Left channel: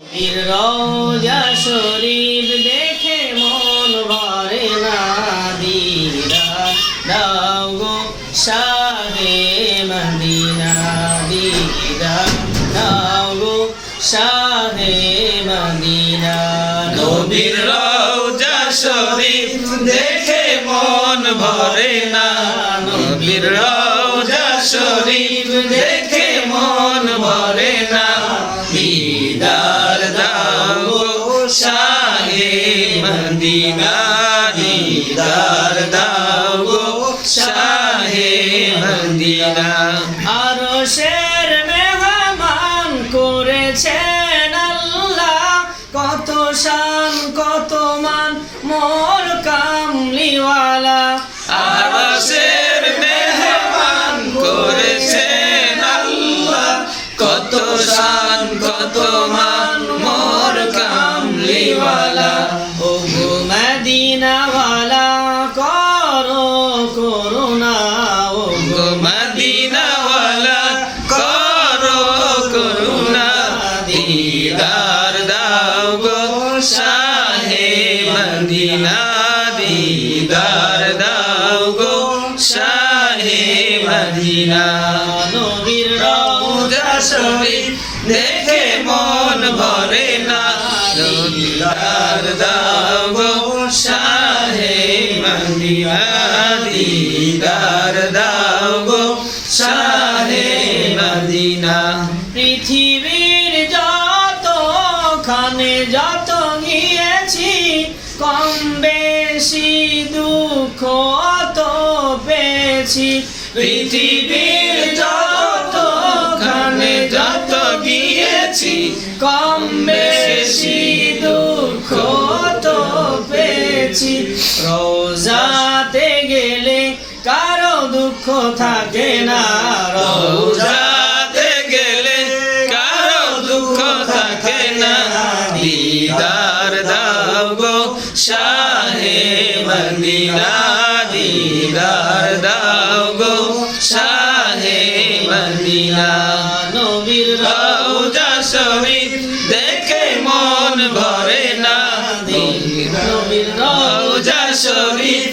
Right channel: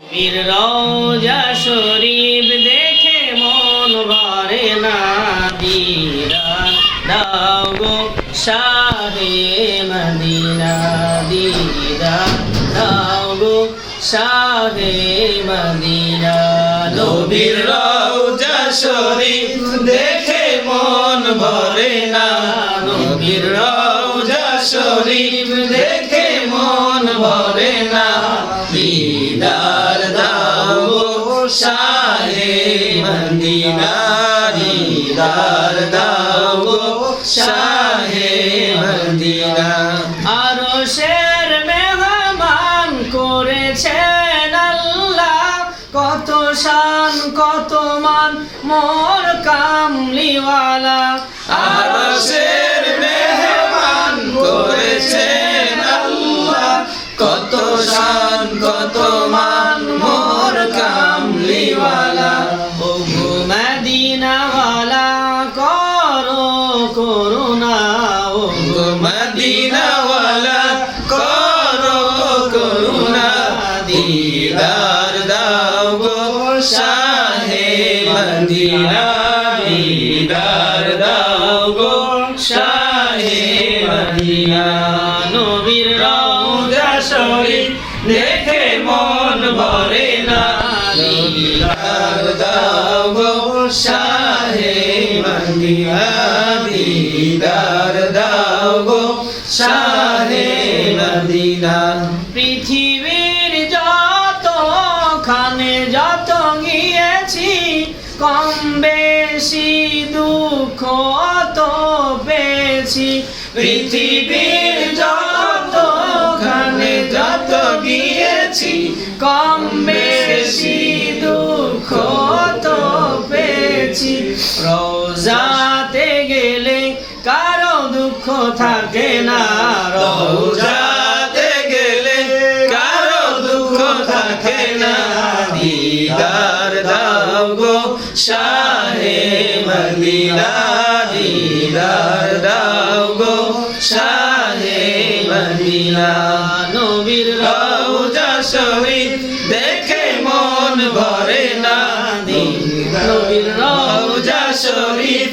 বীর রওজা শরীফ দেখে মন ভরে না দিদার দাও গো শাহে মদিনা দিদার দাও গো শাহে মদিনা। নবীর রওজা শরীফ দেখে মন ভরে না, নবীর রওজা শরীফ দেখে মদিনা দিদার দাও শাহে মদিনা। আরও শের মেহমান করেছেন আল্লাহ। কত শান, কত মান, মোর কামলিওয়ালা। আরশের মেহমান মদিনাওয়ালা করো, করুণা ও মদিনাওয়ালা। করো, করুণা, দিদার দাও গো, শাহে মদিনা, দিদার দাও গো, শাহে মদিনা। নবীর রওজা শরীফ দেখে মন ভরে না। দিদার দাও গো, শাহে দিদার দাও গো শাহে মদিনা। পৃথিবীর যত খানে যত গিয়েছি, কম বেশি দুঃখ অত পেয়েছি। পৃথিবীর যত খানে যত গিয়েছি, কম বেশি দুঃখ তো পেয়েছি। রোজাতে থাকে না, রোজা রোজাতে গেলে কারও দুঃখ থাকে না। দিদার দাও গো শাহে মদিনা, দিদার দাও গো শাহে মদিনা। নবীর রওজা শরীফ দেখে মন ভরে না। নবীর রওজা শরীফ